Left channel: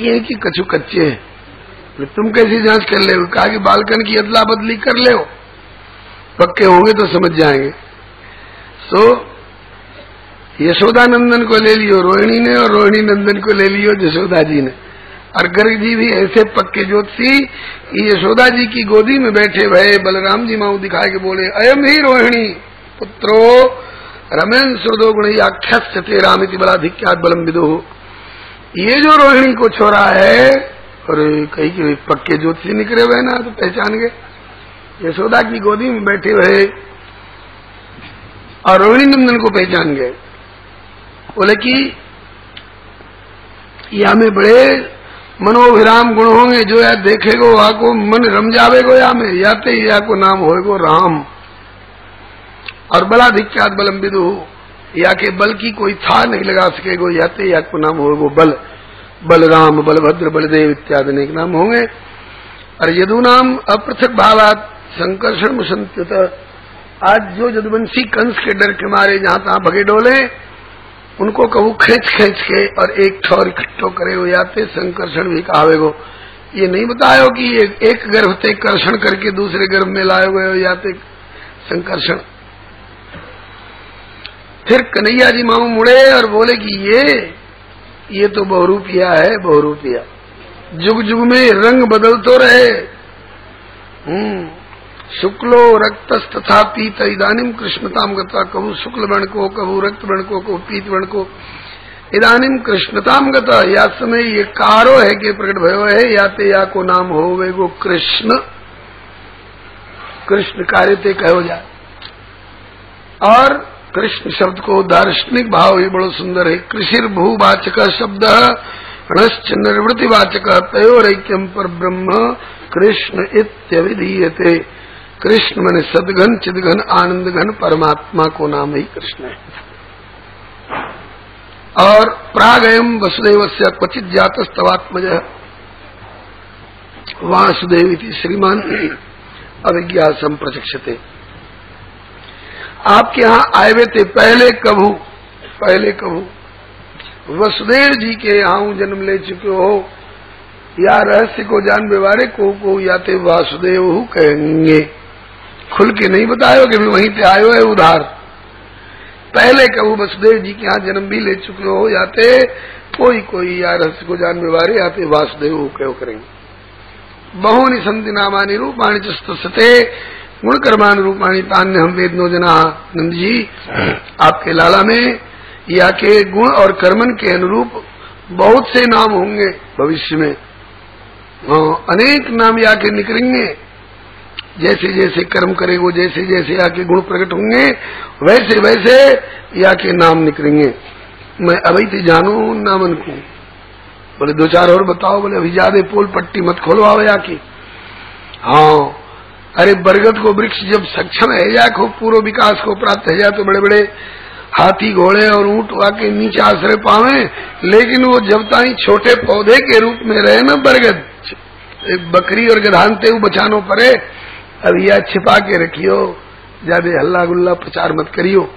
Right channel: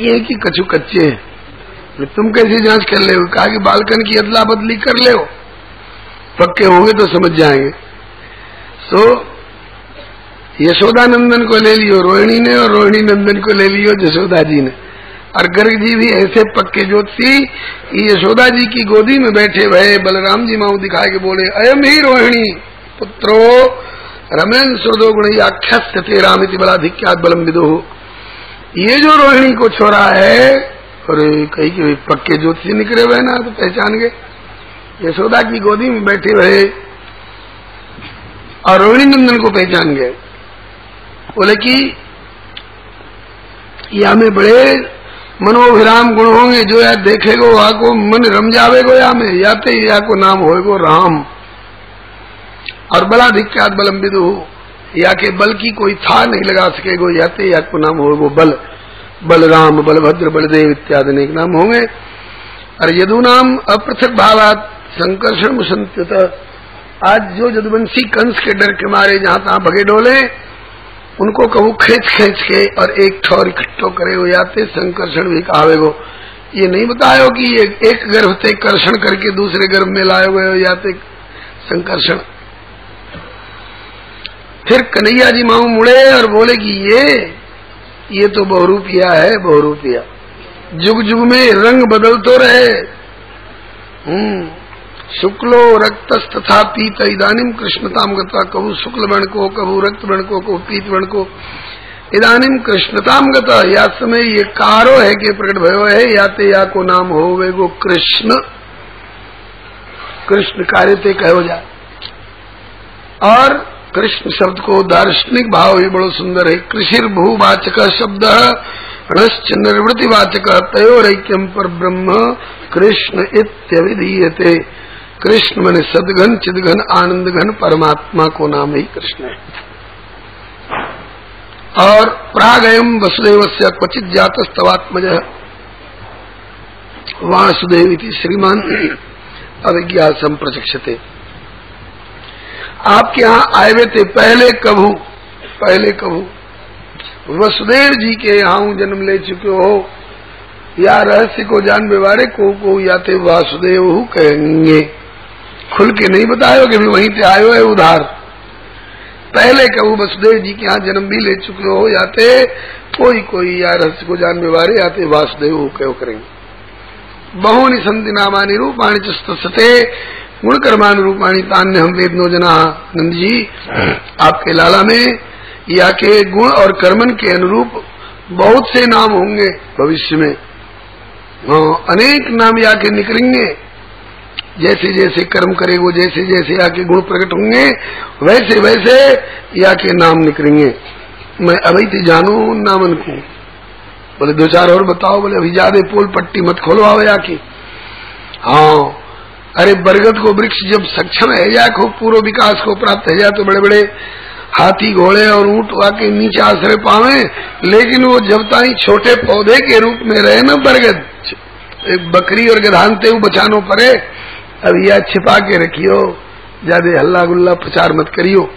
बाकी हैं कि कछु कच्चे हैं? तुम कैसे जांच कर ले? कहा कि बालकन की अदला बदली कर ले, पक्के होंगे तो समझ जाएंगे। तो यशोदा नंदन को ले लियो रोहिणी ने, और रोहिणी नंदन को ले लियो यशोदा जी ने। और गर्ग जी भी ऐसे पक्के ज्योतिषी, यशोदा जी की गोदी में बैठे भये बलराम जी माऊ दिखाए के बोले, अयम ही रोहिणी पुत्रो रमेन सुरदो गुण आख्यास्यते रामिति बलाधिक्यात बलम विदो। ये जो रोहिणी को छोरा है, अरे कहीं के पक्के ज्योतिषी निकले हुए ना, तो पहचान गए। यशोदा की गोदी में बैठे हुए और रोहिणी नंदन को पहचान गए। बोले कि या में बड़े मनोभिराम गुण होंगे, जो या देखेगो वहां को मन रम जावेगो, या में याते या को नाम होएगो राम। और बलाधिक्यात बलम विदु, या के बल की कोई था नहीं लगा सकेगो, याते या को नाम होएगो बल। बलराम, बलभद्र, बलदेव इत्यादि अनेक नाम होंगे। और यदु नाम अपृथक भावात संकर्षण संत। आज जो यदुवंशी कंस के डर के मारे जहां तहां भगे डोले, उनको कहूँ खींच खींच के और एक ठौर इकट्ठो करे हो याते संकर्षण भी कहावेगो। ये नहीं बतायो कि एक गर्भ से कर्षण करके दूसरे गर्भ में लाए हुए हो याते संकर्षण। फिर कन्हैया जी माऊ मुड़े और बोले कि ये तो बहुरूपिया है, बहुरूपिया। जुग जुग में रंग बदलते रहे। शुक्लो रक्तस तथा पीत इदानीम कृष्णताम गता। कबू शुक्ल वर्ण को, कबू रक्त वर्ण को, कबू पीत वर्ण को। इदानीम कृष्णताम गता, या समय ये कारो है कि प्रकट भयो है, याते या को नाम हो वे गो कृष्ण। कृष्ण कार्य ते कहो जाए। और कृष्ण शब्द को दार्शनिक भाव ही बड़ो सुंदर है। कृषिर भूवाचक शब्द णश्च निर्वृतिवाचक तयोरैक्यम पर ब्रह्म कृष्ण इत्यभिधीयते। कृष्ण माने सदघन चिदघन आनंद घन परमात्मा को नाम ही कृष्ण है। और प्रागयम वसुदेवस्य क्वचित जातस्तवात्मज वासुदेव इति श्रीमान अभिज्ञा संप्रचक्षते। आपके यहाँ आए हुए थे पहले कभू वसुदेव जी के यहाँ जन्म ले चुके हो, या रहस्य को जान बेवारे को याते वासुदेव कहेंगे। खुल के नहीं बतायो कि भी वहीं पे आयो है उधार। पहले कभू वसुदेव जी के यहाँ जन्म भी ले चुके हो, याते कोई या रहस्य को जान बेवारे याते वासुदेव कहो करेंगे। बहुनि संति नामानि रूपाणि चिस्तस्ते गुण कर्माणि रूपाणि तान्य हम वेदनो जना। नंद जी आपके लाला में या के गुण और कर्मन के अनुरूप बहुत से नाम होंगे भविष्य में। अनेक नाम या के निकलेंगे। जैसे जैसे कर्म करेगो, जैसे जैसे या के गुण प्रकट होंगे, वैसे वैसे या के नाम निकलेंगे। मैं अभी तो जानू नामन को। बोले दो चार और बताओ। बोले अभी ज्यादा पोल पट्टी मत खोलो आओ या की। हाँ, अरे बरगद को वृक्ष जब सक्षम है या खूब पूर्व विकास को प्राप्त है जा, तो बड़े बड़े हाथी घोड़े और ऊंट आके नीचे आश्रय पावे, लेकिन वो जब ताई छोटे पौधे के रूप में रहे ना बरगद, एक बकरी और गधानते बचानो पड़े। अब यह छिपा के रखियो, ज्यादा हल्ला गुल्ला प्रचार मत करियो।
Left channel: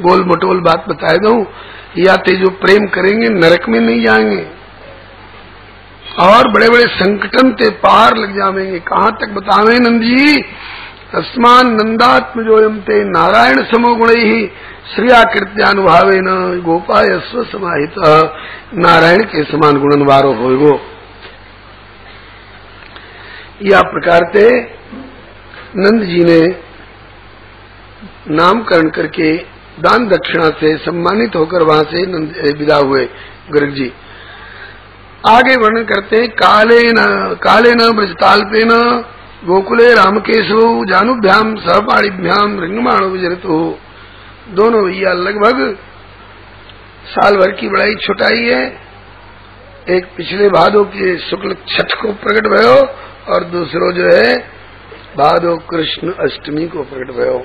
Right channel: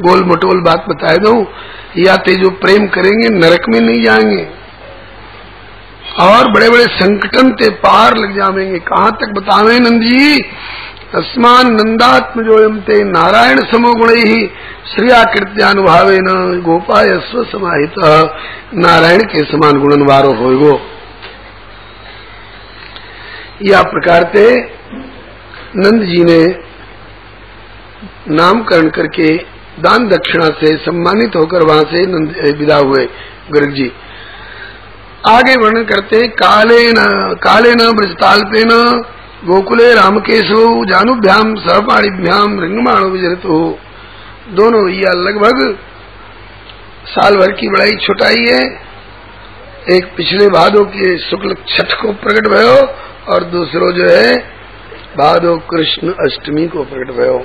गोल मटोल बात बताए दो, या ते जो प्रेम करेंगे नरक में नहीं जाएंगे और बड़े बड़े संकटन ते पार लग जाएंगे। कहाँ तक बतावे नंद जी? तस्मान नंदात्म जोयम ते नारायण समो गुण ही श्रियाकृत्यानुभावे न गोपाय स्व समाहित। नारायण के समान गुणनवारो होगो। या प्रकार के नंद जी ने नामकरण करके दान दक्षिणा से सम्मानित होकर वहां से विदा हुए गर्ग जी। आगे वर्णन करते हैं, काले न ब्रजताल्पे न गोकुले रामकेशो जानुभ्याम सहपाणिभ्याम रिंगमाणो विजरतो। दोनों भैया लगभग साल भर की बड़ाई छुटाई है। एक पिछले भादो के शुक्ल छठ को प्रकट भयो और दूसरो जो है भादो कृष्ण अष्टमी को प्रकट भयो।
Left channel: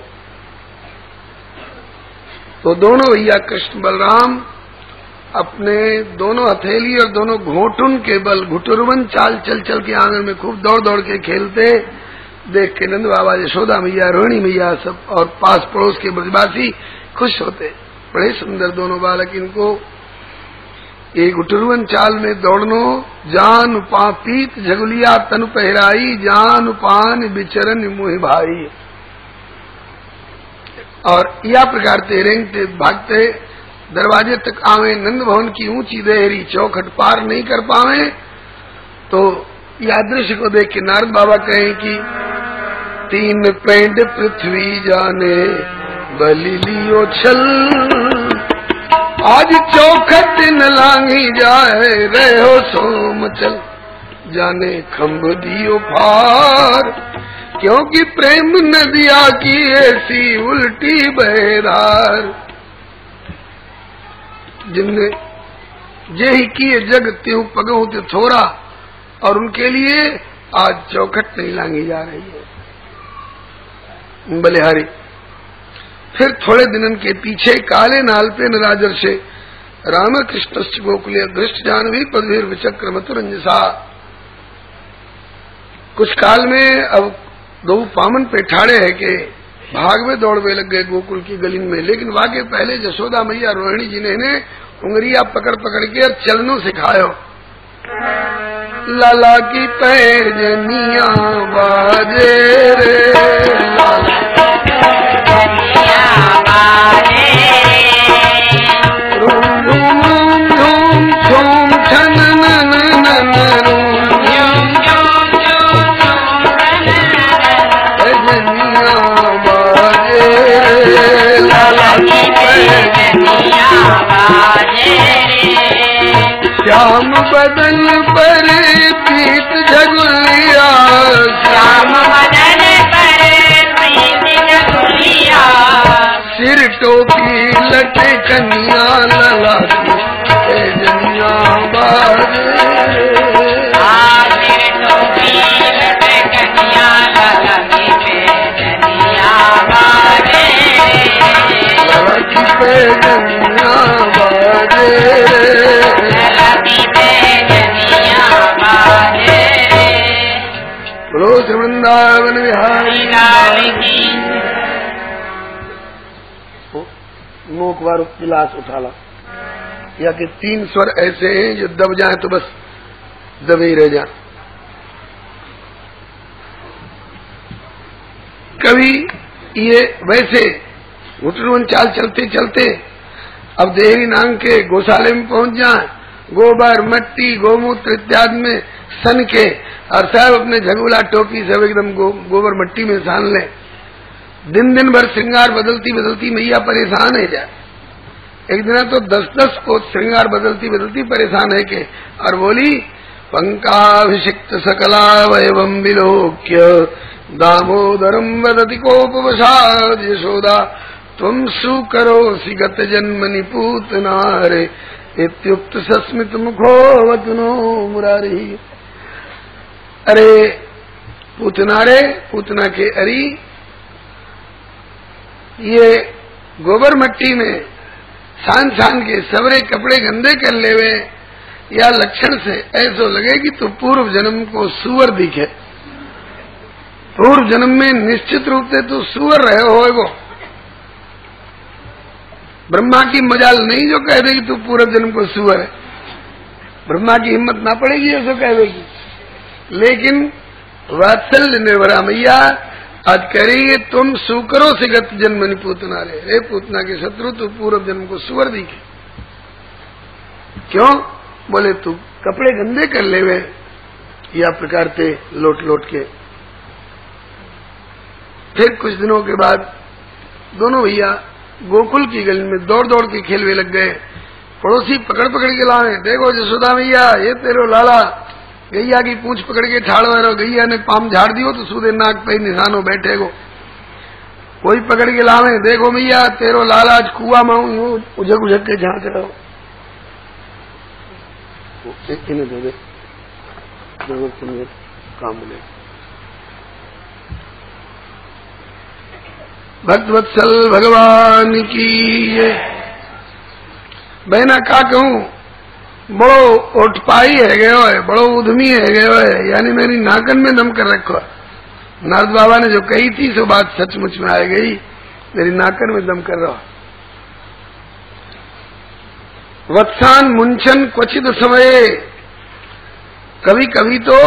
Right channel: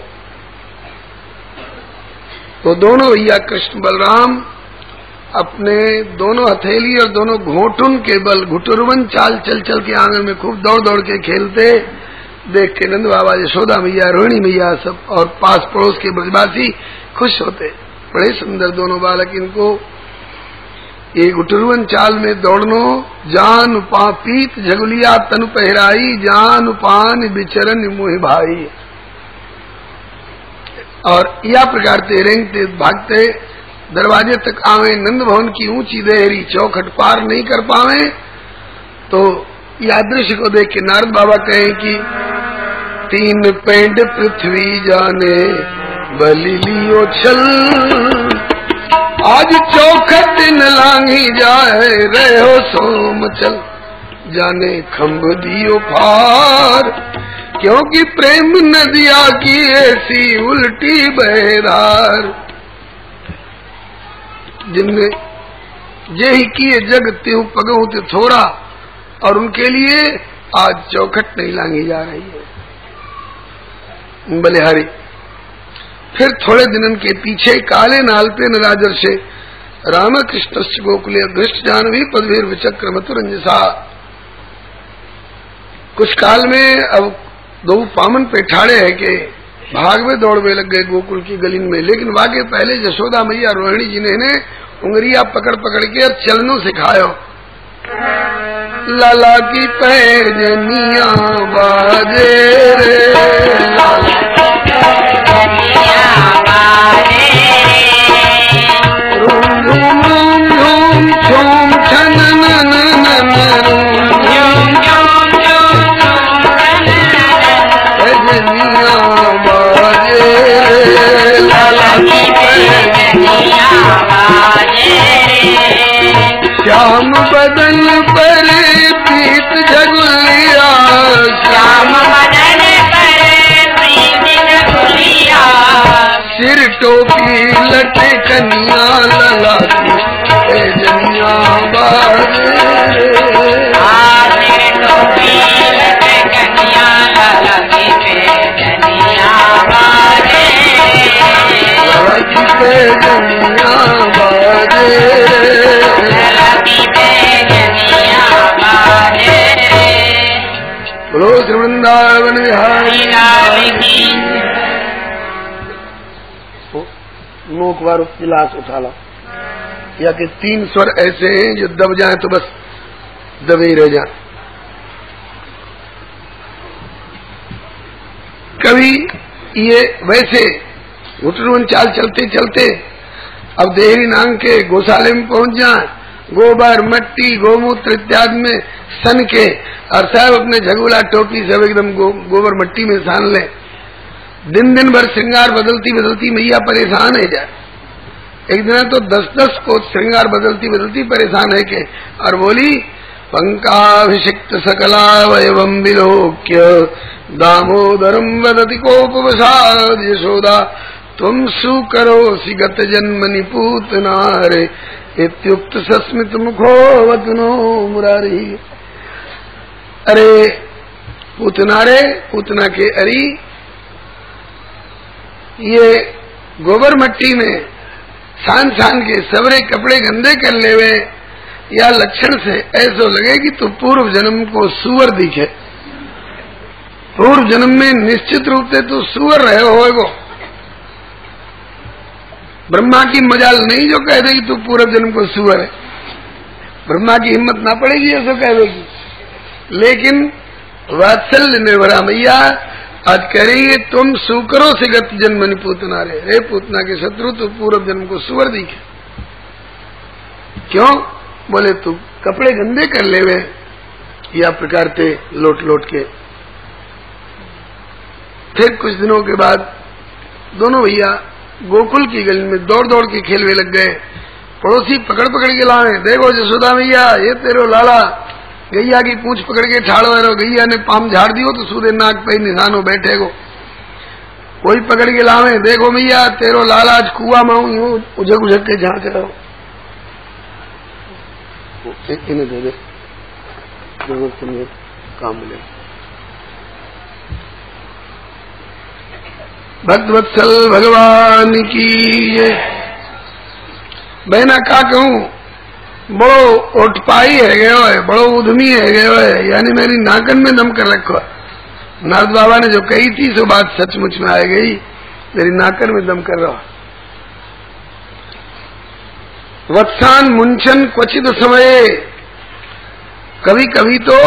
तो दोनों भैया कृष्ण बलराम अपने दोनों हथेली और दोनों घोटुन के बल घुटुरवन चाल चल चल के आंगन में खूब दौड़ दौड़ के खेलते देख के नंद बाबा, यशोदा मैया, रोहिणी मैया सब और पास पड़ोस के ब्रजवासी खुश होते। बड़े सुंदर दोनों बालक इनको। एक उटरुवन चाल में दौड़नो, जान पा पीत झगुलिया तन पहराई, जान पान बिचरन मोहि भाई। और या प्रकार ते रेंगते भागते दरवाजे तक आवे, नंद भवन की ऊंची देहरी चौखट पार नहीं कर पावे। तो यह दृश्य को देख के नारद बाबा कहें कि तीन पेंड पृथ्वी जाने बलि लियो छल, आज चौखट न लांघी जाए रहो सोम चल, जाने खम्भ दियो फार, क्योंकि प्रेम नदिया की ऐसी उल्टी बहरार। जिनने जे ही किए जग त्यों पगहु ते थोड़ा, और उनके लिए आज चौखट नहीं लांघी जा रही है। बलिहारी फिर थोड़े दिनों के पीछे काले नालते नराजर से रामकृष्ण गोकुले दृष्ट जानवी पदवीर विचक्र मथुरंजसा। कुछ काल में अब दो पामन पे ठाड़े है के भाग में दौड़वे लग गए गोकुल की गली में, लेकिन वाके पहले यशोदा मैया रोहिणी जी ने उंगलियां पकड़ पकड़ के चलनो सिखायो। लाला की पैर जनिया बाजे रे, रूम रूम धूम छूम छन नन नन जनिया बाजे रे, लाला की पैर जनिया बाजे रे, श्याम बदन पर पीत झगुलिया, श्याम बदन पर पीत झगुलिया, सिर टोपी लटे कन्या लला की जनिया बाजे रे, सिर टोपी लटे कन्या लला की जनिया बाजे रे, लला की जनिया बाजे रे, बोलो श्री वृंदावन बिहारी। नोक बार गिलास उठा ला, या कि तीन स्वर ऐसे हैं जो दब जाए तो बस दबे ही रह जाए। कभी ये वैसे घुटरुन चाल चलते चलते अब देहरी नांग के गौशाले में पहुंच जाए, गोबर मट्टी गोमूत्र इत्यादि में सन के, और साहब अपने झगुला टोपी सब एकदम गोबर मट्टी में सान ले। दिन दिन भर श्रृंगार बदलती बदलती मैया परेशान है जाए। एक दिन तो 10-10 को श्रृंगार बदलती बदलती परेशान है के, और बोली पंकाभिषिक्त सकलावयवं विलोक्य दामोदरम वदति कोपवसाद यशोदा त्वं सुकरोसि गत जन्मनि पूतनारे इत्युक्त सस्मित मुखो वदनो मुरारी। अरे पूतना रे, पूतना के अरी, ये गोबर मट्टी में सान सान के सबरे कपड़े गंदे कर लेवे, या लक्षण से ऐसो लगे कि तू पूर्व जन्म को सुअर दिखे। पूर्व जन्म में निश्चित रूप से तू सुअर रहे होएगो। ब्रह्मा की मजाल नहीं जो कह देगी तू पूर्व जन्म को सुअर है, ब्रह्मा की हिम्मत ना पड़ेगी ऐसा कह देगी। लेकिन वात्सल्य निर्भरा मैया आज कह रही है तुम सुकरो से गत जन्मनि पूतना रे, रे पूतना के शत्रु तू पूर्व जन्म को सुअर दिखे। क्यों? बोले तू कपड़े गंदे कर लेवे, या प्रकार ते लोट लोट के। फिर कुछ दिनों के बाद दोनों भैया गोकुल की गली में दौड़ दौड़ के खेलवे लग गए। पड़ोसी पकड़ पकड़ के लाए, देखो यशोदा मैया ये तेरो लाला गैया की पूंछ पकड़ के ठाड़ो है, गैया ने पाम झाड़ दियो तो सूदे नाक पे निशानो बैठे गो। कोई पकड़ के लावे, देखो मैया तेरो लाला आज कुआ माऊ यूं उझक उझक के झांक रहो। इन्हें दे दे काम मिले। भक्तवत्सल भगवान की ये। बहना का कहूं, बड़ो ओटपाई है गयो है, बड़ो उद्यमी है गयो है, यानी मेरी नाकन में दम कर रखो है। नारद बाबा ने जो कही थी सो बात सचमुच में आ गई, मेरी नाकन में दम कर रहा। वत्सान मुंचन क्वचित समय, कभी कभी तो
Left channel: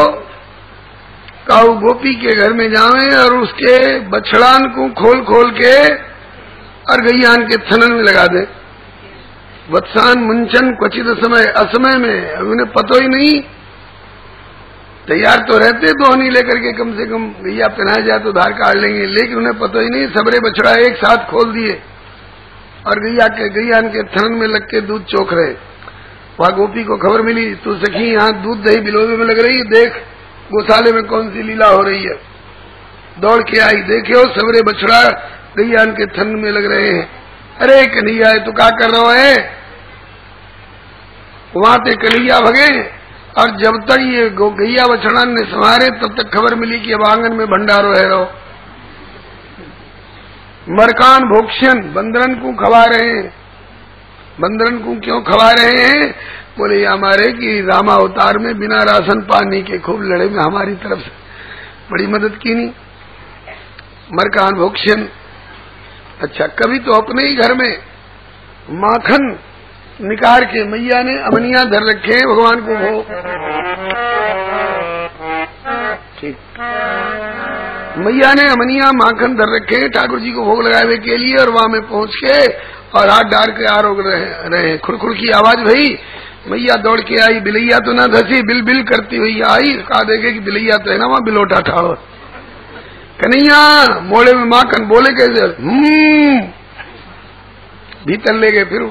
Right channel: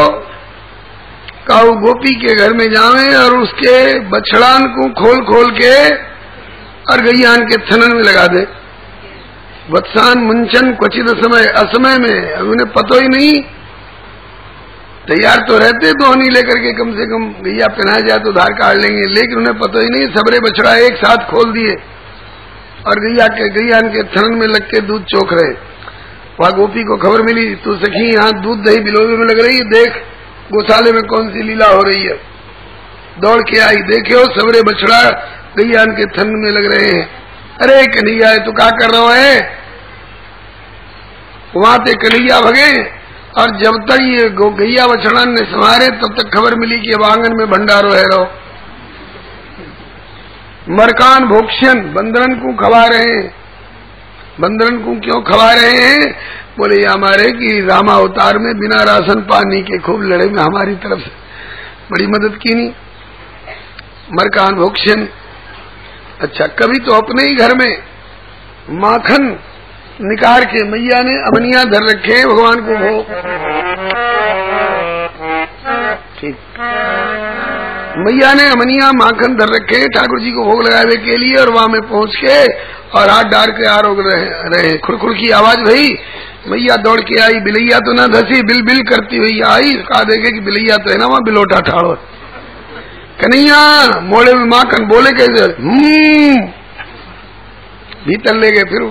काऊ गोपी के घर में जावे और उसके बछड़ान को खोल खोल के और गैयान के थनन में लगा दे। वत्सान मुंचन क्वचित समय, असमय में, अब उन्हें पता ही नहीं, तैयार तो रहते दोहनी लेकर के कम से कम गैया पहना जाए तो धार काट लेंगे, लेकिन उन्हें पता ही नहीं, सबरे बछड़ा एक साथ खोल दिए और गैयान के थनन में लग के दूध चोख रहे। वहां गोपी को खबर मिली, तू सखी यहाँ दूध दही बिलोवे में लग रही है, देख गौशाले में कौन सी लीला हो रही है। दौड़ के आई, देखे सबरे बछड़ा गैयान के थन में लग रहे हैं। अरे कन्हैया तू क्या कर रहा है? वहां ते कन्हैया भगे और जब तक ये गैया बछड़ा ने संवारे तब तक खबर मिली कि अब आंगन में भंडारो है रहो। मरकान भोक्षण, बंदरन को खवा रहे हैं। बंदरन को क्यों खवा रहे हैं? बोले ये हमारे कि रामा अवतार में बिना राशन पानी के खूब लड़े में हमारी तरफ से बड़ी मदद की नहीं। मरकान भोक्षण। अच्छा, कभी तो अपने ही घर में माखन निकाल के मैया ने अमनिया धर रखे भगवान को भोग। ठीक, मैया ने अमनिया माखन धर रखे ठाकुर जी को भोग लगाने के लिए, और वहां में पहुंच के और हाथ डाल के आरोग रहे। खुरखुर की आवाज भई, मैया दौड़ के आई, बिलैया तो ना धसी, बिल बिल करती हुई आई। कहा देखे कि बिलैया तो है ना वहां बिलोटा ठाड़ो। कन्हैया मोड़े में माखन, बोले कैसे? भीतर ले गए। फिर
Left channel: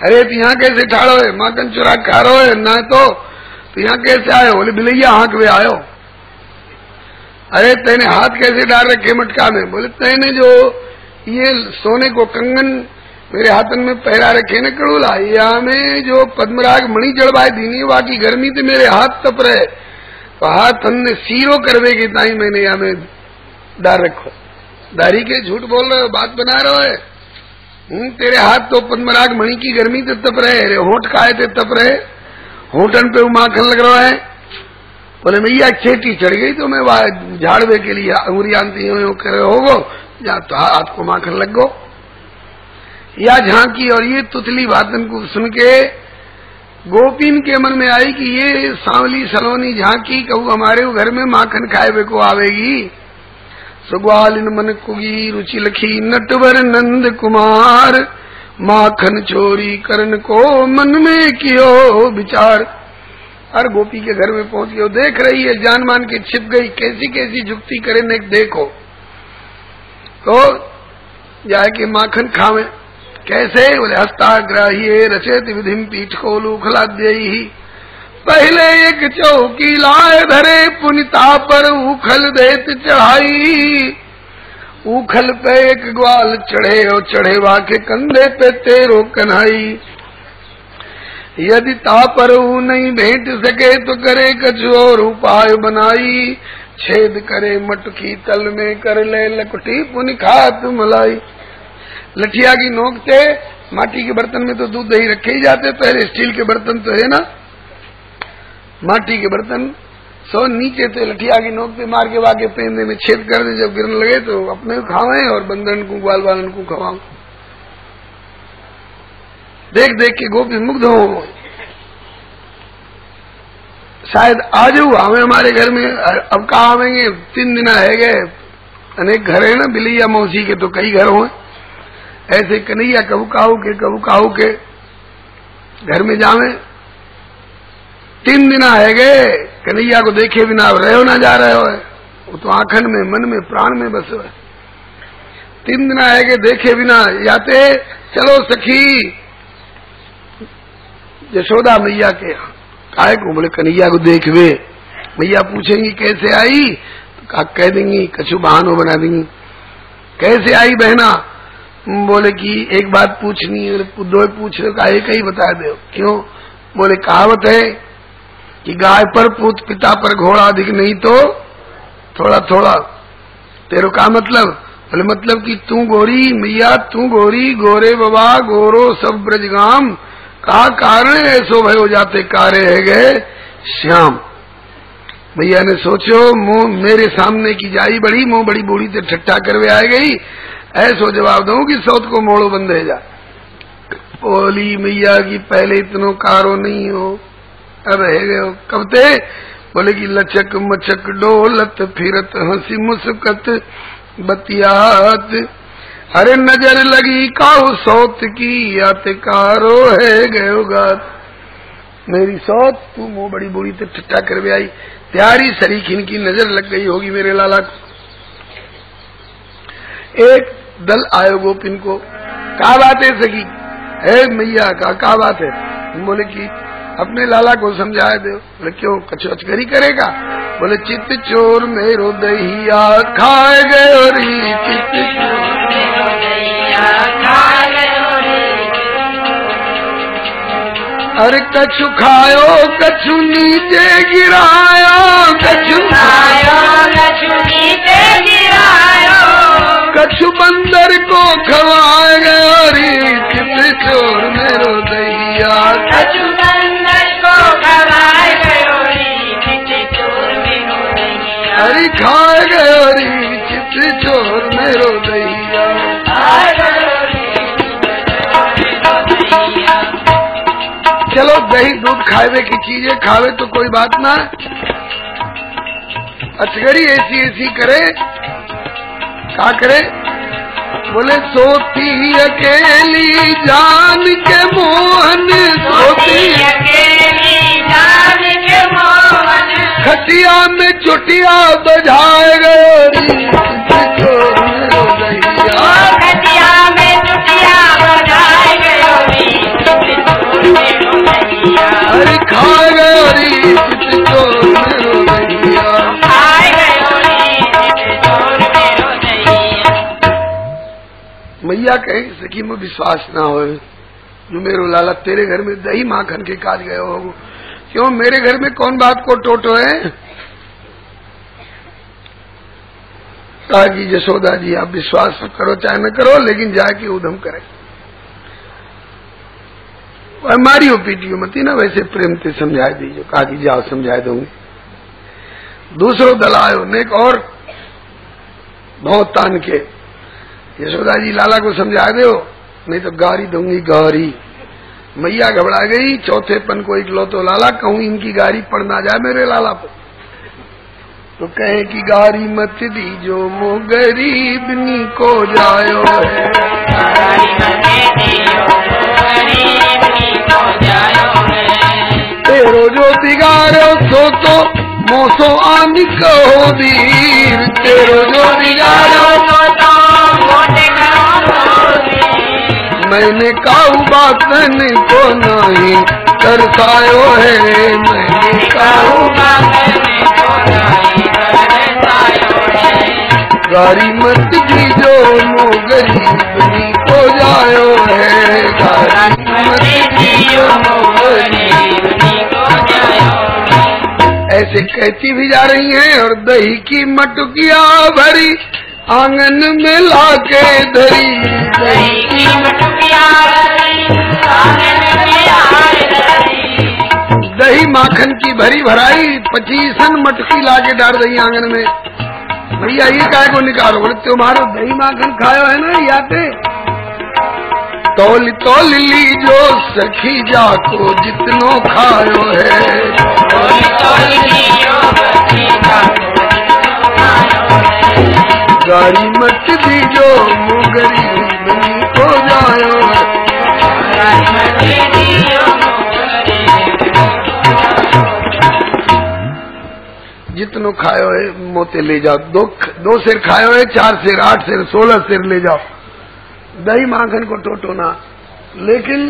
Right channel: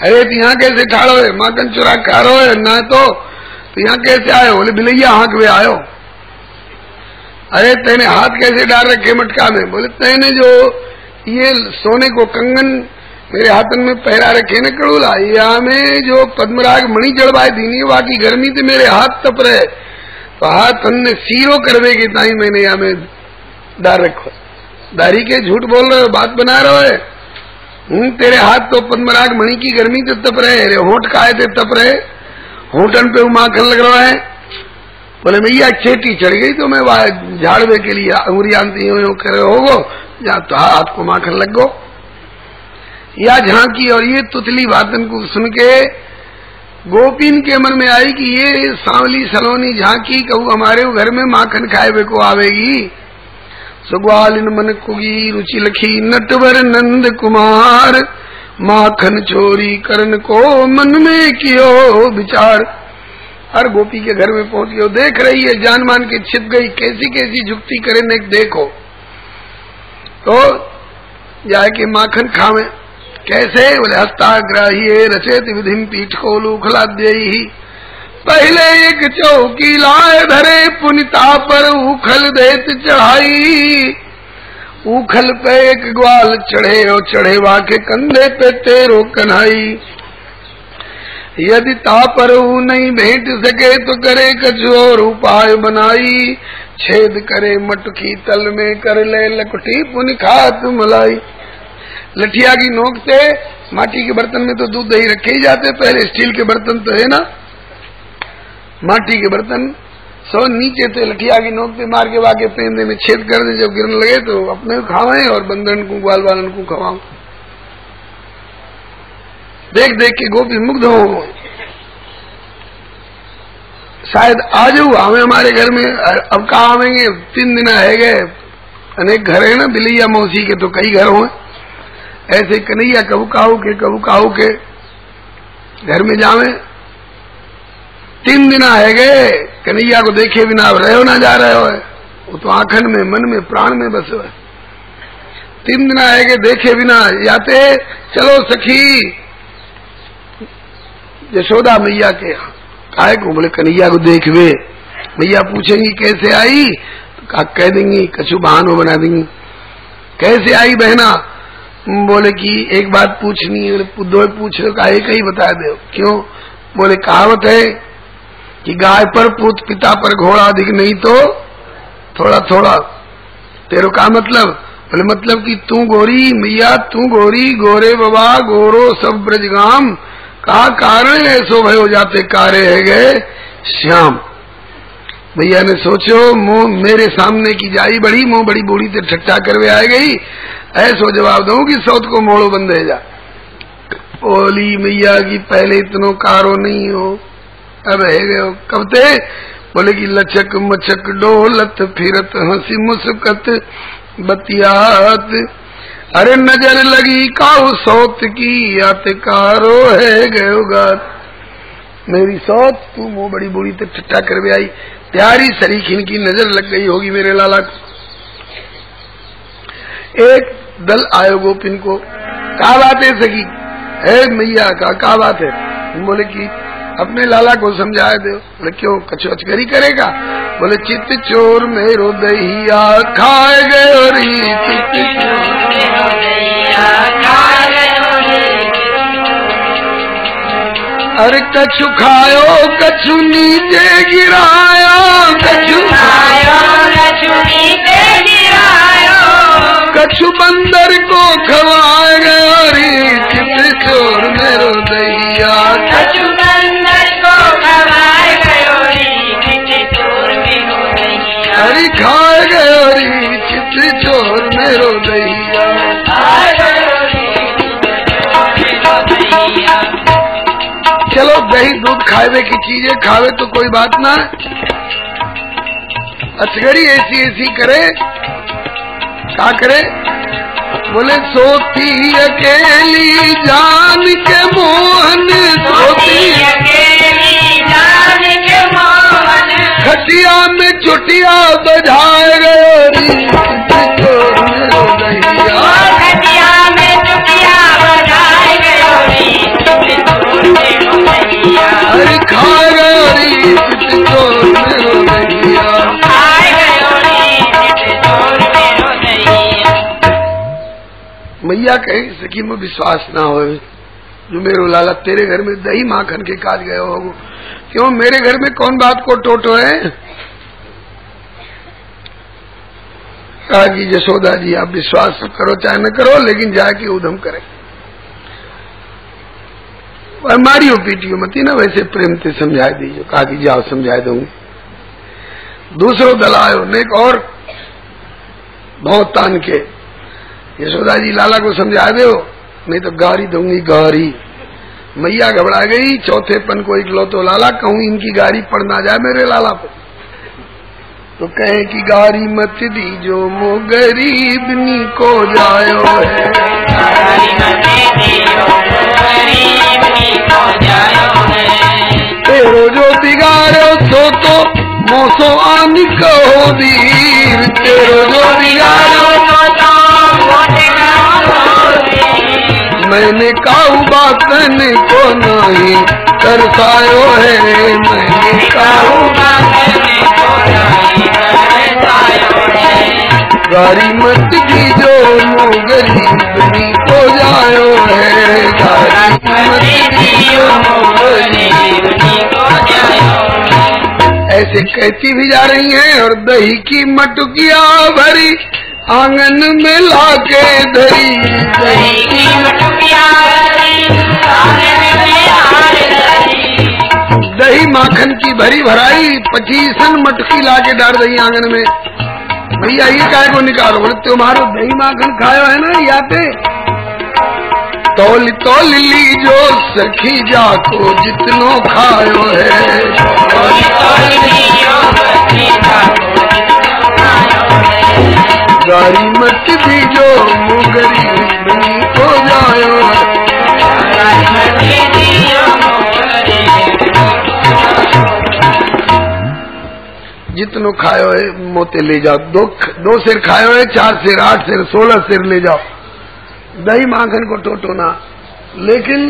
अरे तो यहाँ कैसे ठाड़ो है? माखन चुरा खा रहे है ना, तो यहाँ कैसे आयो? बोले बिलैया हाँक में आयो। अरे तेने हाथ कैसे डाल रखे मटका में? बोले तेने जो ये सोने को कंगन मेरे हाथन में पहरा रखे न कड़ूला, यहाँ में जो पद्मराग मणि जड़वाए दीनी, बाकी गर्मी से मेरे हाथ तप रहे, तो हाथ हमने सीरो करवे के ताई मैंने यहाँ में डाल रखो। दारी के झूठ बोल रहे हो, बात बना रहे है। तेरे हाथ तो पद्मराग मणि की गर्मी तो तप रहे, अरे होंठ काहे थे तप रहे, होठन पे माखन लग रहा है। बोले मैया चेटी चढ़ गई तो मैं झाड़वे के लिए अंगुरियांती यूं करे होगो, जहाँ तो हाथ को माखन लग गो। या झांकी, और ये तुतली बातन को सुन के गोपीन के मन में आई कि ये सांवली सलोनी झांकी कहू हमारे घर में माखन खाए को आवेगी। सुग्वालिन मन कुगी रुचि लखी नटवर नंद कुमार, माखन चोरी करन को मन में कियो विचार। हर गोपी के घर में पहुंच गए, देख रही है जान मान के छिप गई, कैसी कैसी जुक्ति करे ने देखो। तो जाके माखन खावे कैसे? बोले हस्ताग्राही रचेत विधिम पीठ को लूखलाद्य ही, पहले एक चौकी लाए धरे पुनिता पर उखल देत चढ़ाई। उखल पे एक ग्वाल चढ़े और चढ़े वाके कंधे पे तेरो कन्हाई। यदि तापर नहीं भेंट सके तो करे कछु और उपाय बनाई। छेद करे मटकी तल में कर ले लकटी पुनि खात मलाई। लठिया की नोक से, माटी के बर्तन में तो दूध दही रखे ही जाते, पहले स्टील के बर्तन तो है ना, माटी के बर्तन सो नीचे थे, लठिया की नोक से मार के वाके पेंदे में छेद कर दे, जब गिरने लगे तो अपने खावे और बंदन को ग्वाल वालन को खवाओ। देख देख के गोपी मुग्ध हो। शायद आज आवे हमारे घर में, अब कहा आवेंगे, 3 दिन है गए। अनेक घर है ना बिलैया मौसी के, तो कई घर हो ऐसे। कन्हैया कबू काहू के घर में जावे, 3 दिन है गए, कन्हैया को देखे बिना रहो ना जा रहे हो, वो तो आंखन में मन में प्राण में बस है। 3 दिन है गए देखे बिना जाते। चलो सखी यशोदा मैया के आए को, बोले कन्हैया को देखवे। मैया पूछेंगी कैसे आई, तो कह देंगी, कछु बहानो बना देंगी। कैसे आई बहना? बोले कि एक बात पूछनी है। दो पूछ रहे, कहा एक ही बता दो। क्यों? बोले कहावत है कि गाय पर पूत पिता पर घोड़ा, अधिक नहीं तो थोड़ा थोड़ा। तेरो का मतलब? बोले मतलब कि तू गोरी मैया, तू गोरी, गोरे बाबा गोरो सब ब्रजगाम, का कारण ऐसो भयो जाते कारे है गए श्याम। भैया ने सोचो मुंह मेरे सामने की जाई बड़ी, मुंह बड़ी बूढ़ी तो ठट्ठा करवे आ गई, ऐसो जवाब दूं कि सौत को मोड़ो बंद है जा। बोली मैया की पहले इतनो कारो नहीं हो, अब है गयो कब ते? बोले की लचक मचक डोलत फिरत हंसी मुस्कत बतियात, अरे नजर लगी काऊ सौत की आते कारो है गयो गात। मेरी सौत तू मुँह बड़ी बुरी तो ठट्ठा कर भी आई, प्यारी सरीखिन की नजर लग गई होगी मेरे लाला को। एक दल आयो गोपिन को, क्या बात है सखी? है मैया का बात है? बोले कि अपने लाला को समझाए दे। बोले क्यों कछु अचकरी करेगा? बोले चित्त चोर मेरो दहिया खाए गए, चित्त चोर मेरो दहिया खाए गए, अरे कछु खायो कछु नीचे गिरायो, कछु खायो कछु नीचे गिरायो, कछु बंदर को खवाएगा, चित्त चोर मेरो दहिया कछु बंदर को खवाएगा, चित्त चोर मेरो दहिया, अरे खाए गए चित्त चोर मेरो दहिया। चलो दही दूध खावे की चीजें खावे तो कोई बात ना, अचगरी ऐसी ऐसी करे, क्या करे? बोले सोती अकेली जान के मोहन, सोती अकेली जान के मोहन, खटिया में चुटिया बजाए गए, खटिया में चुटिया बजाए गए, अरे खाए गए मैया कहे सखी में विश्वास ना हो, जो मेरो लाला तेरे घर में दही माखन के काज गए हो, क्यों मेरे घर में कौन बात को टोटो है? कहा कि यशोदा जी आप विश्वास करो चाहे न करो, लेकिन जाके उधम करे। मारियो पीटियो मती ना, वैसे प्रेम से समझा दीजिए। कहा कि जाओ समझा दूंगी। दूसरो दल आयो नेक और बहुत तान के, यशोदा जी लाला को समझा दो नहीं तो गारी दूंगी गारी। मैया घबरा गई, चौथे पन को इकलौतो लाला, कहूं इनकी गारी पड़ ना जाए मेरे लाला पे, तो कहे कि गारी मत दीजो मो गरीबनी को जायो है, तेरो जो बिगाड़ो सो तो मोसो आन कहो वीर, तेरो जो बिगाड़ो मैंने काऊ बातन को नहीं तरसायो है, मैंने काऊ गारी मत दीजो मो गरीबनी को जायो है, गारी मत दीजो मो गरीबनी को जायो। ऐसे कहती भी जा रही हैं और दही की मटुकिया भरी आंगन में लाके दही, दही की मटुकिया दही माखन की भरी भराई 25 मटकी लाके डाल दही आंगन में। भैया ये काय को निकालो? बोले तुम्हारो दही माखन खाया है ना यहाँ पे, तौल तौल लीजो सखी जाको जितनो खायो है, गारी मत दीजो मुगरी को जायो है, जितनो खायो है मोते ले जाओ। दो सिर खायो है, 4 सिर 8 सिर 16 सिर ले जाओ, दही माखन को टोटो ना, लेकिन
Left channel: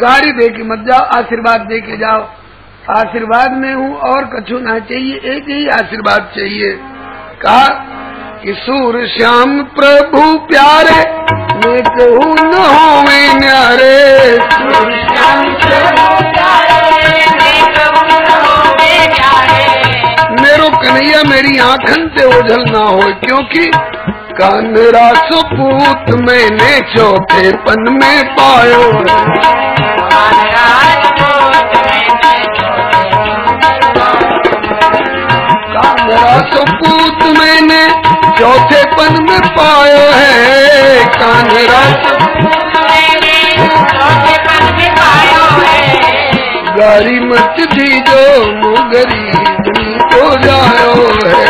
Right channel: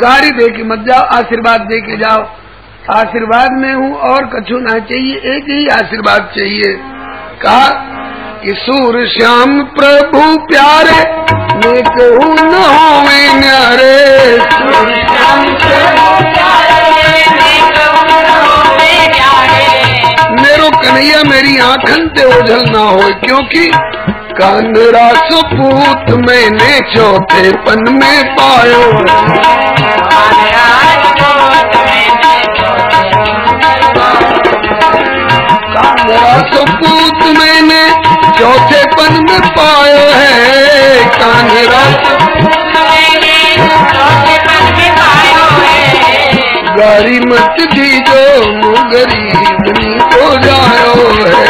गाड़ी दे के मत जाओ, आशीर्वाद दे के जाओ। आशीर्वाद में हूँ और कछु ना चाहिए, एक ही आशीर्वाद चाहिए। कहा कि सूर श्याम प्रभु प्यारे मैं कहूँ न होवे न्यारे, सूर श्याम प्रभु प्यारे मैं कहूँ न होवे न्यारे, मेरो कन्हैया मेरी आँखन से ओझल ना हो, क्योंकि का मेरा सपूत मैंने चौथे पन में पायो, का मेरा सपूत मैंने चौथे पन में पायो है, का मेरा सपूत मैंने हरी मत दीजो गरीबनी को जायो है।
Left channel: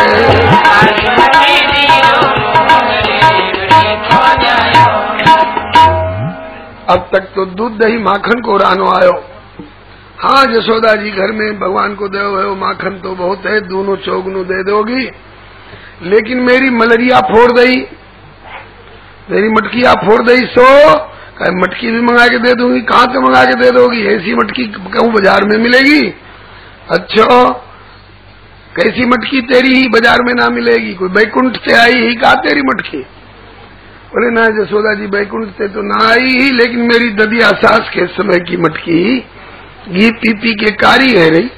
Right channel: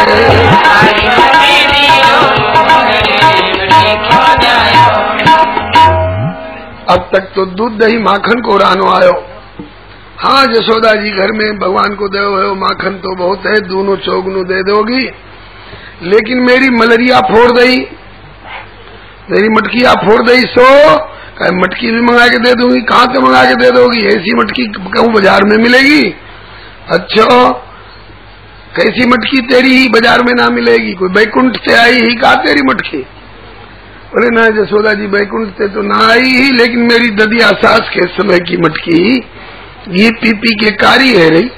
अब तक तो दूध दही माखन को रानो आयो। हाँ जसोदा जी घर में भगवान को दे हो माखन तो बहुत है, दोनों चौगनों दे दोगी, लेकिन मेरी मलरिया फोड़ दई, मेरी मटकिया फोड़ दई, सो मटकी भी मंगा के दे दूंगी। कहाँ से मंगा के दे दोगी? ऐसी मटकी कहूँ बाजार में मिलेगी? अच्छा कैसी मटकी तेरी ही बाजार में ना मिलेगी? कोई बैकुंठ से आई ही का तेरी मटकी? अरे ना जसोदा जी बैकुंठ से तो ना आई ही, लेकिन मेरी ददिया सास के समय की मटकी घी पी पी के कारी है रही।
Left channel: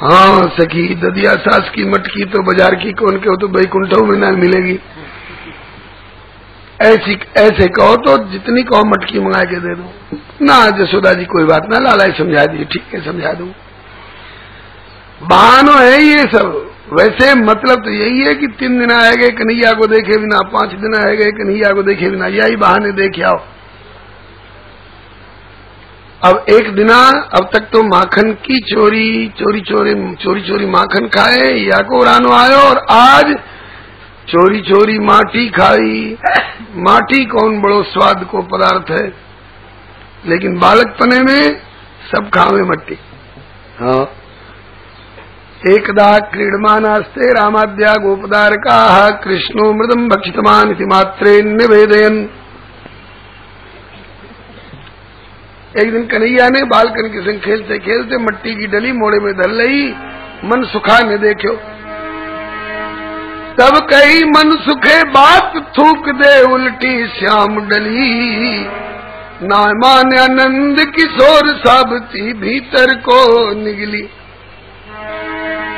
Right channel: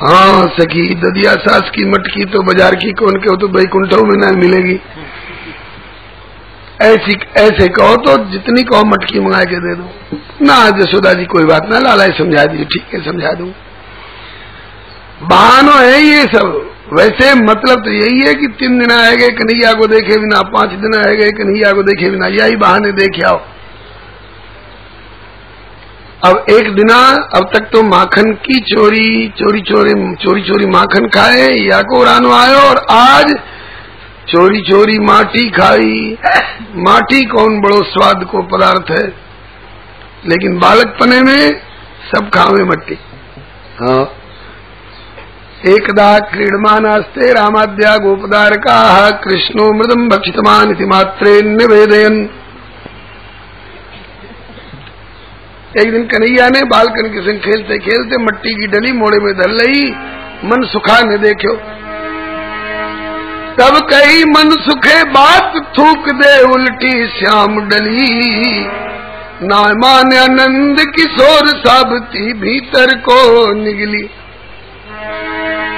हाँ सखी ददिया सास की मटकी तो बाजार की कौन के हो तो बैकुंठों में ना मिलेगी। ऐसे कहो तो जितनी कहो मटकी मंगा के दे दो। ना जसोदा जी कोई बात ना, लाला समझा दीजिए। ठीक है समझा दूं, बहानो है ये सब। वैसे मतलब तो यही है कि 3 दिन आए गए कन्हैया को देखे बिना, 5 दिन आए गए कन्हैया को देखे बिना, यही बहाने देखे आओ। अब एक दिना अब तक तो माखन की चोरी माखन खाए या को रानो आयो, और आज चोरी माटी खाई। माटी कौन बड़ो स्वाद को पदार्थ है, लेकिन बालकपने में सब खावे मट्टी। हाँ एकदा क्रीडमानास्ते रामाद्या गोपदारका कृष्णो मृदम भक्षितमान इति मात्रे निवेदयन। एक दिन कन्हैया ने बालकन के संग खेलते खेलते मट्टी की डली मोड़े में धर लई, मन सुखा ने देखो। तब कही मन सुखे बात थूक दे उल्टी श्याम डली, ना माने आनंद किशोर साबती भीतर को निगली।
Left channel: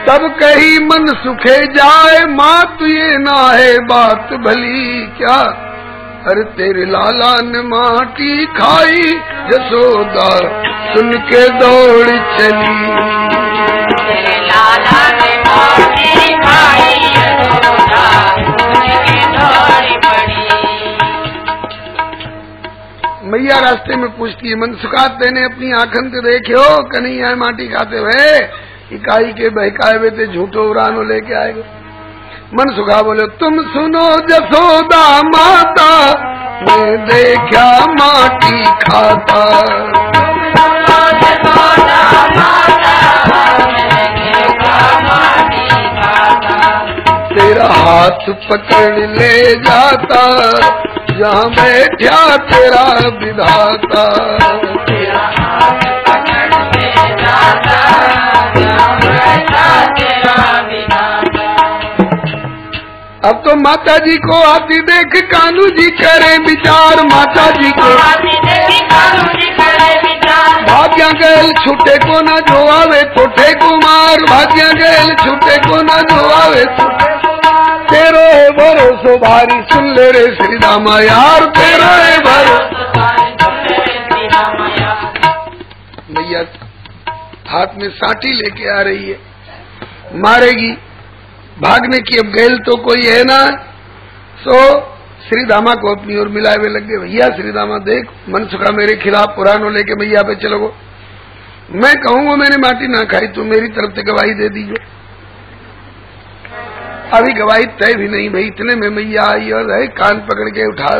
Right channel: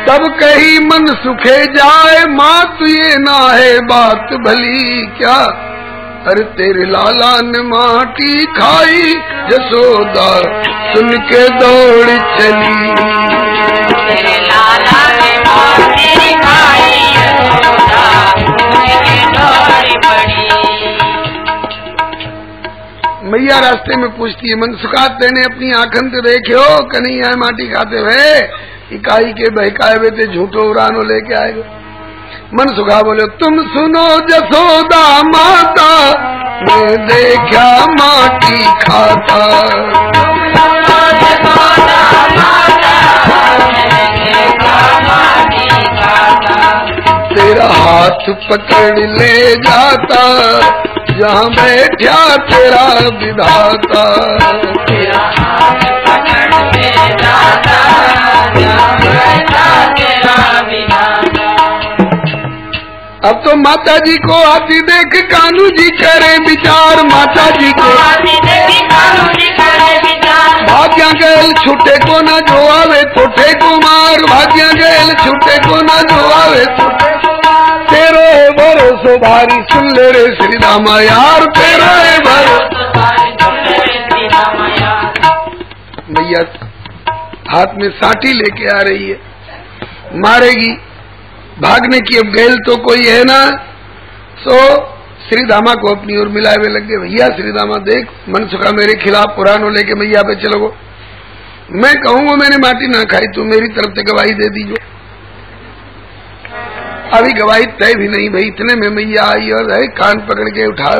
तब कही मन सुखे जाए मात ये ना है बात भली क्या, अरे तेरे लाला ने माटी खाई जसोदा सुन के दौड़ चली। मैया रास्ते में पूछती है मन सुखा तेने अपनी आंखन से देखो कन्हैया माटी खाते हुए, इकाई के बहकाए हुए थे झूठो उरानो लेके आए गए। मन सुखा बोले तुम सुनो जसोदा माता, मैं देखा माटी खाता। तेरा हाथ पकड़ ले जाता, जहाँ बैठा तेरा विधाता। तेरा हाथ पकड़ ले जाता, जहाँ बैठा तेरा विधाता। अब तो माता जी को आती देख कानू जी करे विचार, माता जी को आती देख कानू जी करे विचार। भाग्या गैल छूटे को न जो आवे कोठे को मार, भाग्या गैल छूटे को न जो आवे कोठे को मार। तेरो है भरोसो भारी सुन ले रे श्री रामा यार, तेरो है भरोसो भारी सुन ले रे श्री रामा यार। मैया हाथ में साटी लेके आ रही है, मारेगी भागने की। अब गैल तो कोई है ना, सो श्री दामा को अपनी ओर मिलावे लग गए। भैया श्री दामा देख मन सुखा मेरे खिलाफ पुरानो लेके मैया पे चलो, मैं कहूँगा मैंने माटी ना खाई, तू मेरी तरफ से गवाही दे दीजिए। अभी गवाही तय भी नहीं भाई, इतने में मैया आई और कान पकड़ के उठा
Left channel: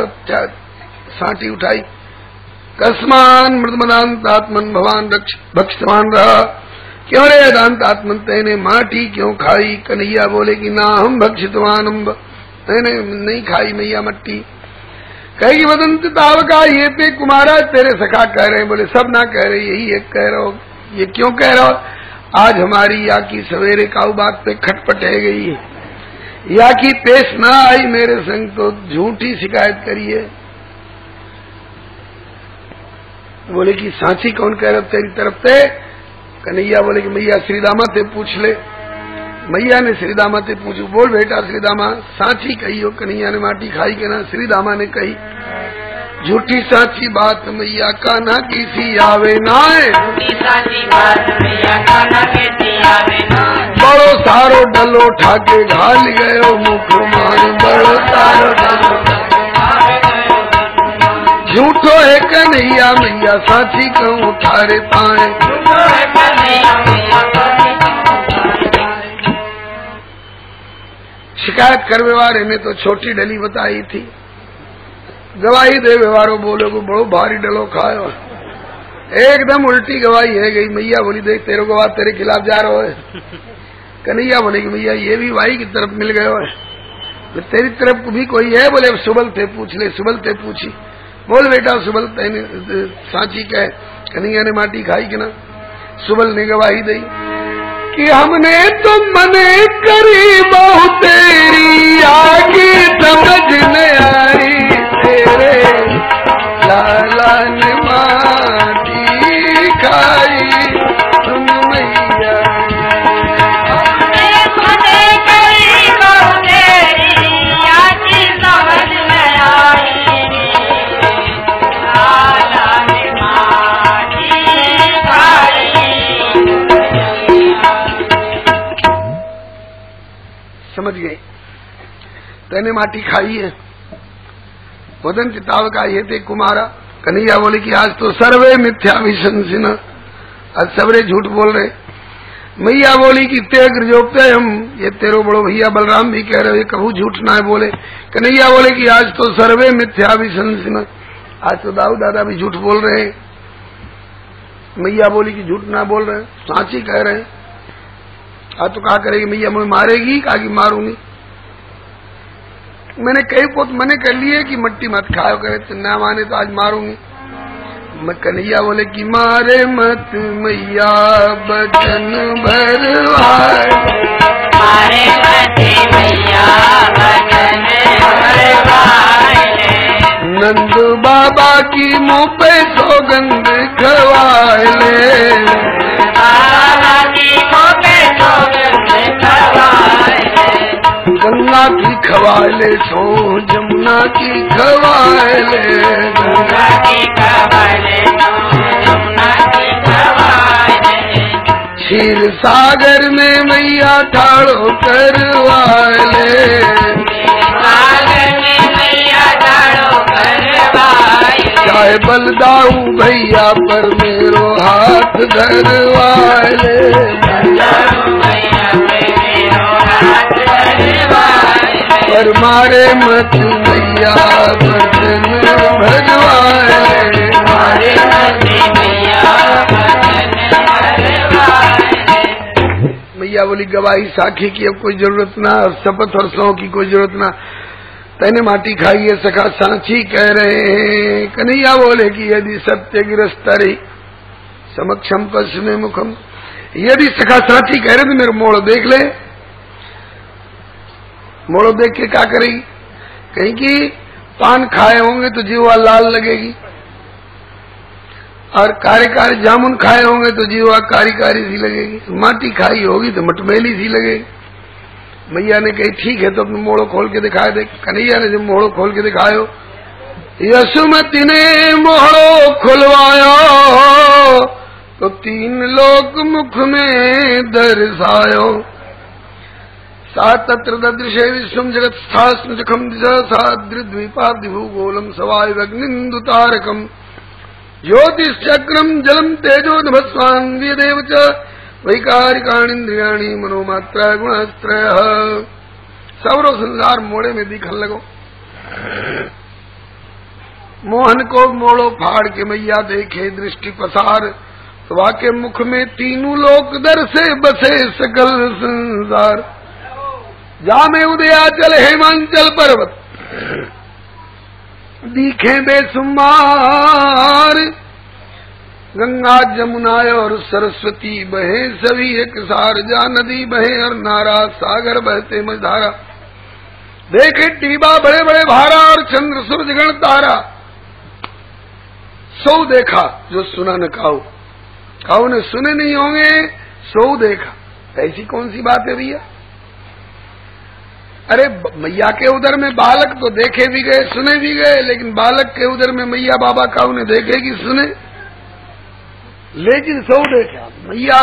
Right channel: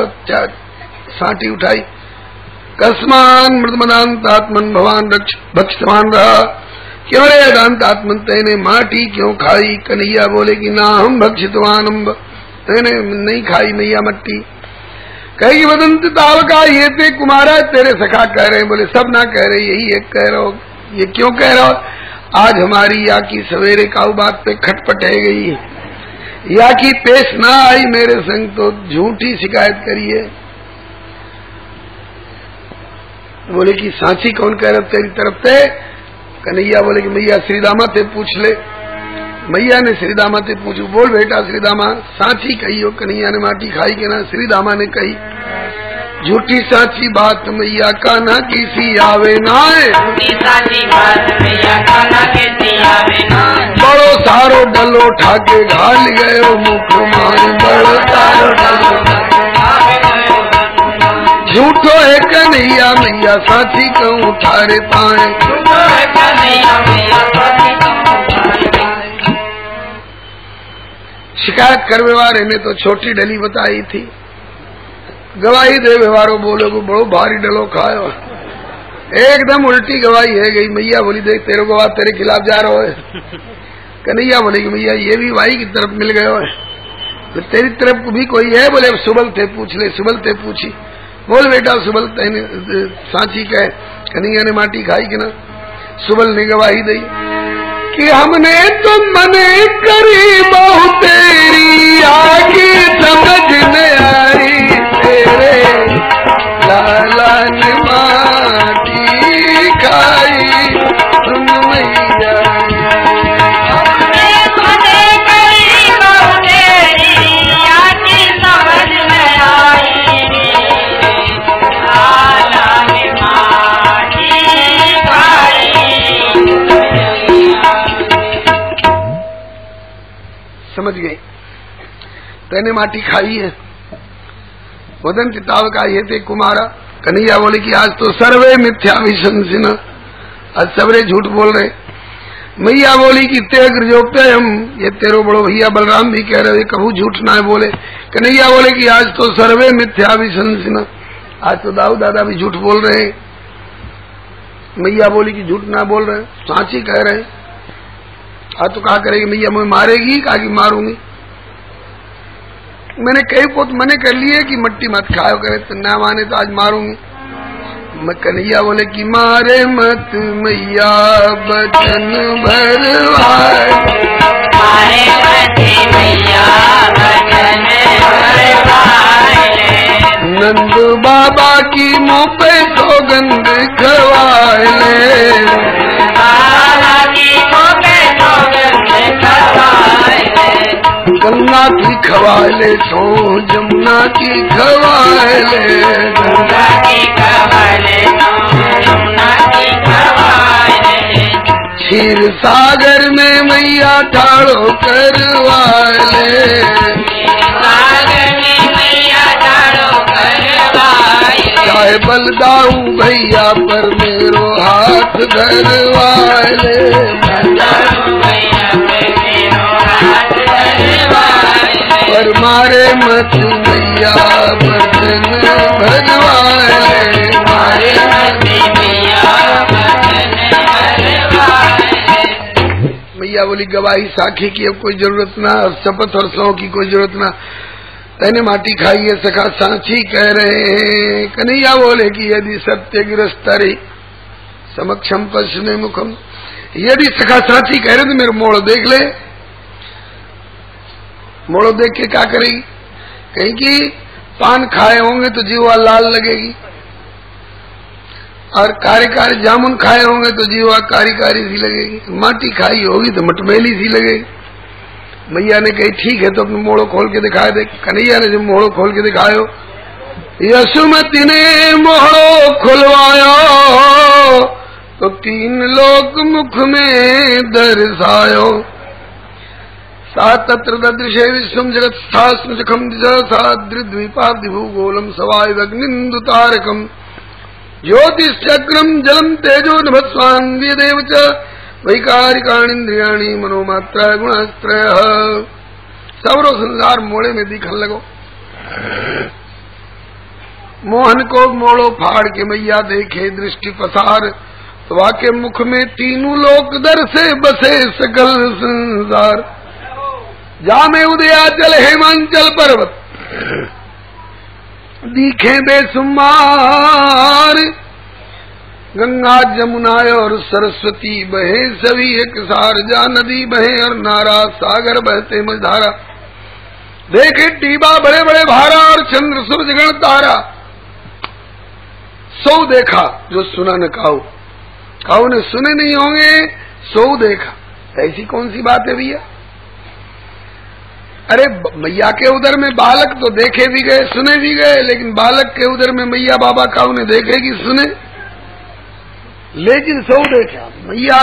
साटी उठाई। कस्मान मृदमदांतात्मन भगवान भक्षमान रहा, क्यों रे अदांतात्मन तेने माटी क्यों खाई? कन्हैया बोले कि ना हम भक्षितवान, मैंने नहीं खाई मैया मट्टी। कही वदंत तावका ये ते कुमारा, तेरे सखा कह रहे, बोले सब ना कह रहे, यही एक कह रहा हो। ये क्यों कह रहा हो? आज हमारी या की सवेरे काऊ बात पे खटपट है गई है, या की पेश ना आई मेरे संग तो झूठी शिकायत करिए। बोले कि सांची कौन कह रहा तेरी तरफ से? कन्हैया बोले कि मैया श्रीदामा से पूछ ले। मैया ने श्रीदामा से पूछू, बोल बेटा श्रीदामा सांची कही हो कन्हैया ने माटी खाई के ना? श्रीदामा ने कही झूठी सांची बात मैया कान्हा किसी आवे ना, बड़ो सारो डलो ठाके घाल गयो मुख मान, बड़ो सारो डलो झूठो है कन्हैया मैया साथी कहूँ थारे ताए। शिकायत कर व्यवहार ने तो छोटी डली बताई थी, गवाही दे व्यवहारो बोलो को बड़ो भारी डलो खायो। एकदम उल्टी गवाही है गई। मैया बोली देख तेरे गवाह तेरे खिलाफ जा रहा है। कन्हैया बोली कि मैया ये भी भाई की तरफ मिल गया है, तो तेरी तरफ भी कोई है? बोले सुबल थे पूछ ले। सुबल थे पूछी। बोल बेटा सुबल तेने सांची कहे। कन्हैया ने माटी खाई कि ना? सुबल ने गवाही दी कि हमने तो मने करी बहु तेरी आगे समझ में आई, तेरे लाला ने माटी खाई तुम मैया। समझ गए तेने माटी खाई है। वदन किताब का ये थे कुमारा। कन्हैया बोले कि आज तो सर्वे मिथ्या विशंसिन, आज सबरे झूठ बोल रहे। मैया बोली कि तेग्र जो पे हम, ये तेरो बड़ो भैया बलराम भी कह रहे कभू झूठ ना बोले। कन्हैया बोले कि आज तो सर्वे मिथ्या विशंसिन, आज तो दाऊ दादा भी झूठ बोल रहे। मैया बोली कि झूठ ना बोल रहे, सांची कह रहे। आज तो कहा करेगी मैया मुझे मारेगी? कहा कि मारूंगी। मैंने कई पोत मने कर लिए कि मट्टी मत खाओ, कहे तो ना माने तो आज मारूंगी। कन्हैया बोले कि मारे मत मैया बचन भरवाए, मारे मत मैया बचन भरवाए, नंद बाबा की मुँह पे सौगंध खवाए, गंगा की खवाले सो जमुना की खवाले, गंगा की खवाले जमुना की खवाले, क्षीर सागर में मैया ठाड़ो करवाले, सागर में मैया ठाड़ो करवाले, चाहे बलदाऊ भैया पर मेरो हाथ धरवाले, पर मारे मत मैया बचन भरवाए, मारे मत मैया बचन भरवाए। मैया बोली गवाही साखी की अब कोई जरूरत ना, शपथ और सौ की कोई जरूरत ना, तने माटी खाई है सखा सांची कह रहे हैं। कन्हैया बोले कि यदि सत्य गिरस्तरी समक्षम पश्चिमे मुखम, यदि सखा सांची कह रहे तो मेरे मोड़ देख ले। मोड़ो देख के क्या करेगी? कहेगी पान खाए होंगे तो जीवा लाल लगेगी, और कारी जामुन खाए होंगे तो जीवा कारी सी लगेगी, माटी खाई होगी तो मटमेली सी लगेगी। मैया ने कही ठीक है तो अपने मोड़ो खोल के दिखाए दे। कन्हैया ने जब मोड़ो खोल के दिखायो, यशुमती ने मोड़ो खुलवायो तो 3 लोक मुख में दर्शायो, तत्र ददृशे विश्वम जगत स्थास्म जखम द्विपादिभूगोलम सवायुग्निंदु तारकम ज्योतिश्चक्रम जलम तेजो नभस्वान्विदेव च वैकारिकाणीन्द्रियाणी मनोमात्रा गुणस्त्रय। सवरो संसार मोड़े में दिखन लगो। मोहन को मोड़ो फाड़ के मैया देखे दृष्टि पसार, तो वाके मुख में 3 लोक दर से बसे सकल संसार। जामे उदयाचल हेमांचल पर्वत दिखे बेसुमार, गंगा जमुना और सरस्वती बहे सभी एक सार, जा नदी बहे और नारा सागर बहते मझधारा, देखे टीबा बड़े बड़े भारा और चंद्र सूरज गण तारा। सौ देखा जो सुना न काऊ, काऊ ने सुने नहीं होंगे, सौ देखा। ऐसी कौन सी बात है भैया? अरे मैया के उधर में बालक तो देखे भी गए सुने भी गए, लेकिन बालक के उधर में मैया बाबा काऊ ने देखे कि सुने? लेकिन सौ देखा। मैया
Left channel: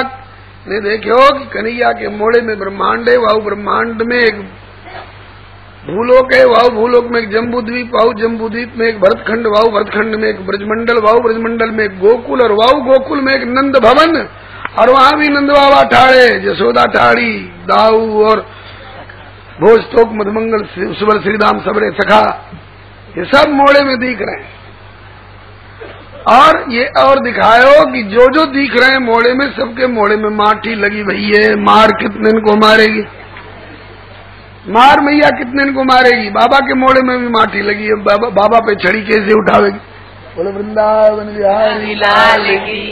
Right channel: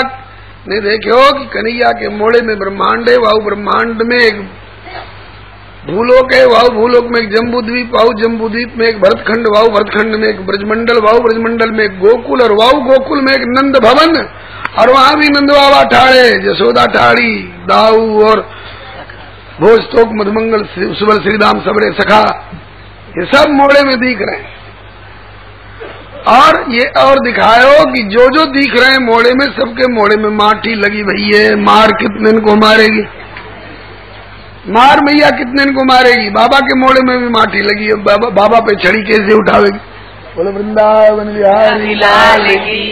ने देखे हो कि कन्हैया के मोड़े में ब्रह्मांड है, वाहु ब्रह्मांड में एक भूलोक है, वाव भूलोक में एक जम्बू द्वीप, वाव जम्बू द्वीप में एक भरतखंड, वाव भरतखंड में एक ब्रजमंडल, वाव ब्रजमंडल में एक गोकुल, और वाव गोकुल में एक नंद भवन, और वहां भी नंद बाबा ठाड़े, जसोदा ठाड़ी, दाऊ और भोजतोक मधुमंगल सुबल श्रीराम सबरे सखा, ये सब मोड़े में दिख रहे हैं। और ये और दिखायो कि जो जो दिख रहे हैं मोड़े में, सबके मोड़े में माटी लगी भई है। मार कितने इनको मारेगी, मार मैया कितने इनको मारेगी। बाबा के मोड़े में भी माटी लगी है, बाबा पे छड़ी कैसे उठावेगी। बोले वृंदावन बिहारी लाल की।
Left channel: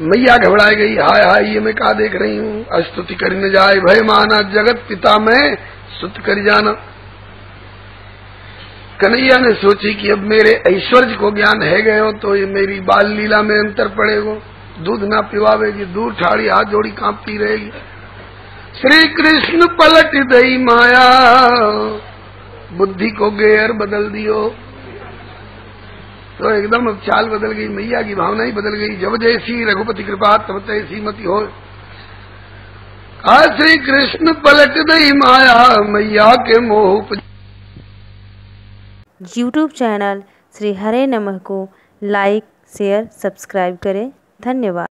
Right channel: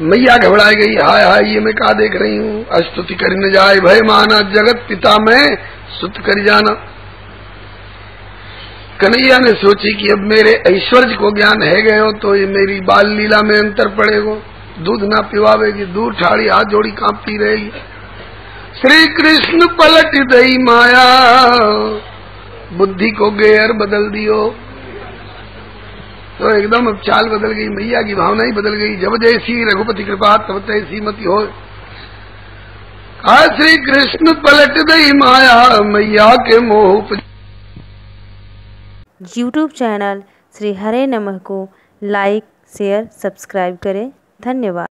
मैया घबराई गई, हाय हाय ये मैं क्या देख रही हूँ। अस्तुति कर न जाए भय माना, जगत पिता में सुत कर जाना। कन्हैया ने सोची कि अब मेरे ऐश्वर्य को ज्ञान है गए हो तो ये मेरी बाल लीला में अंतर पड़ेगा। दूध ना पिवावेगी, दूध ठाड़ी हाथ जोड़ी कांपती रहेगी। श्री कृष्ण पलट दई माया, बुद्धि को गेर बदल दियो। तो एकदम अब चाल बदल गई, मैया की भावना ही बदल गई। जब जैसी रघुपति कृपा तब तैसी मति हो। श्री कृष्ण पलट दई माया, मैया के मोह। YouTube चैनल श्री हरे नमः को लाइक, शेयर, सब्सक्राइब करें। धन्यवाद।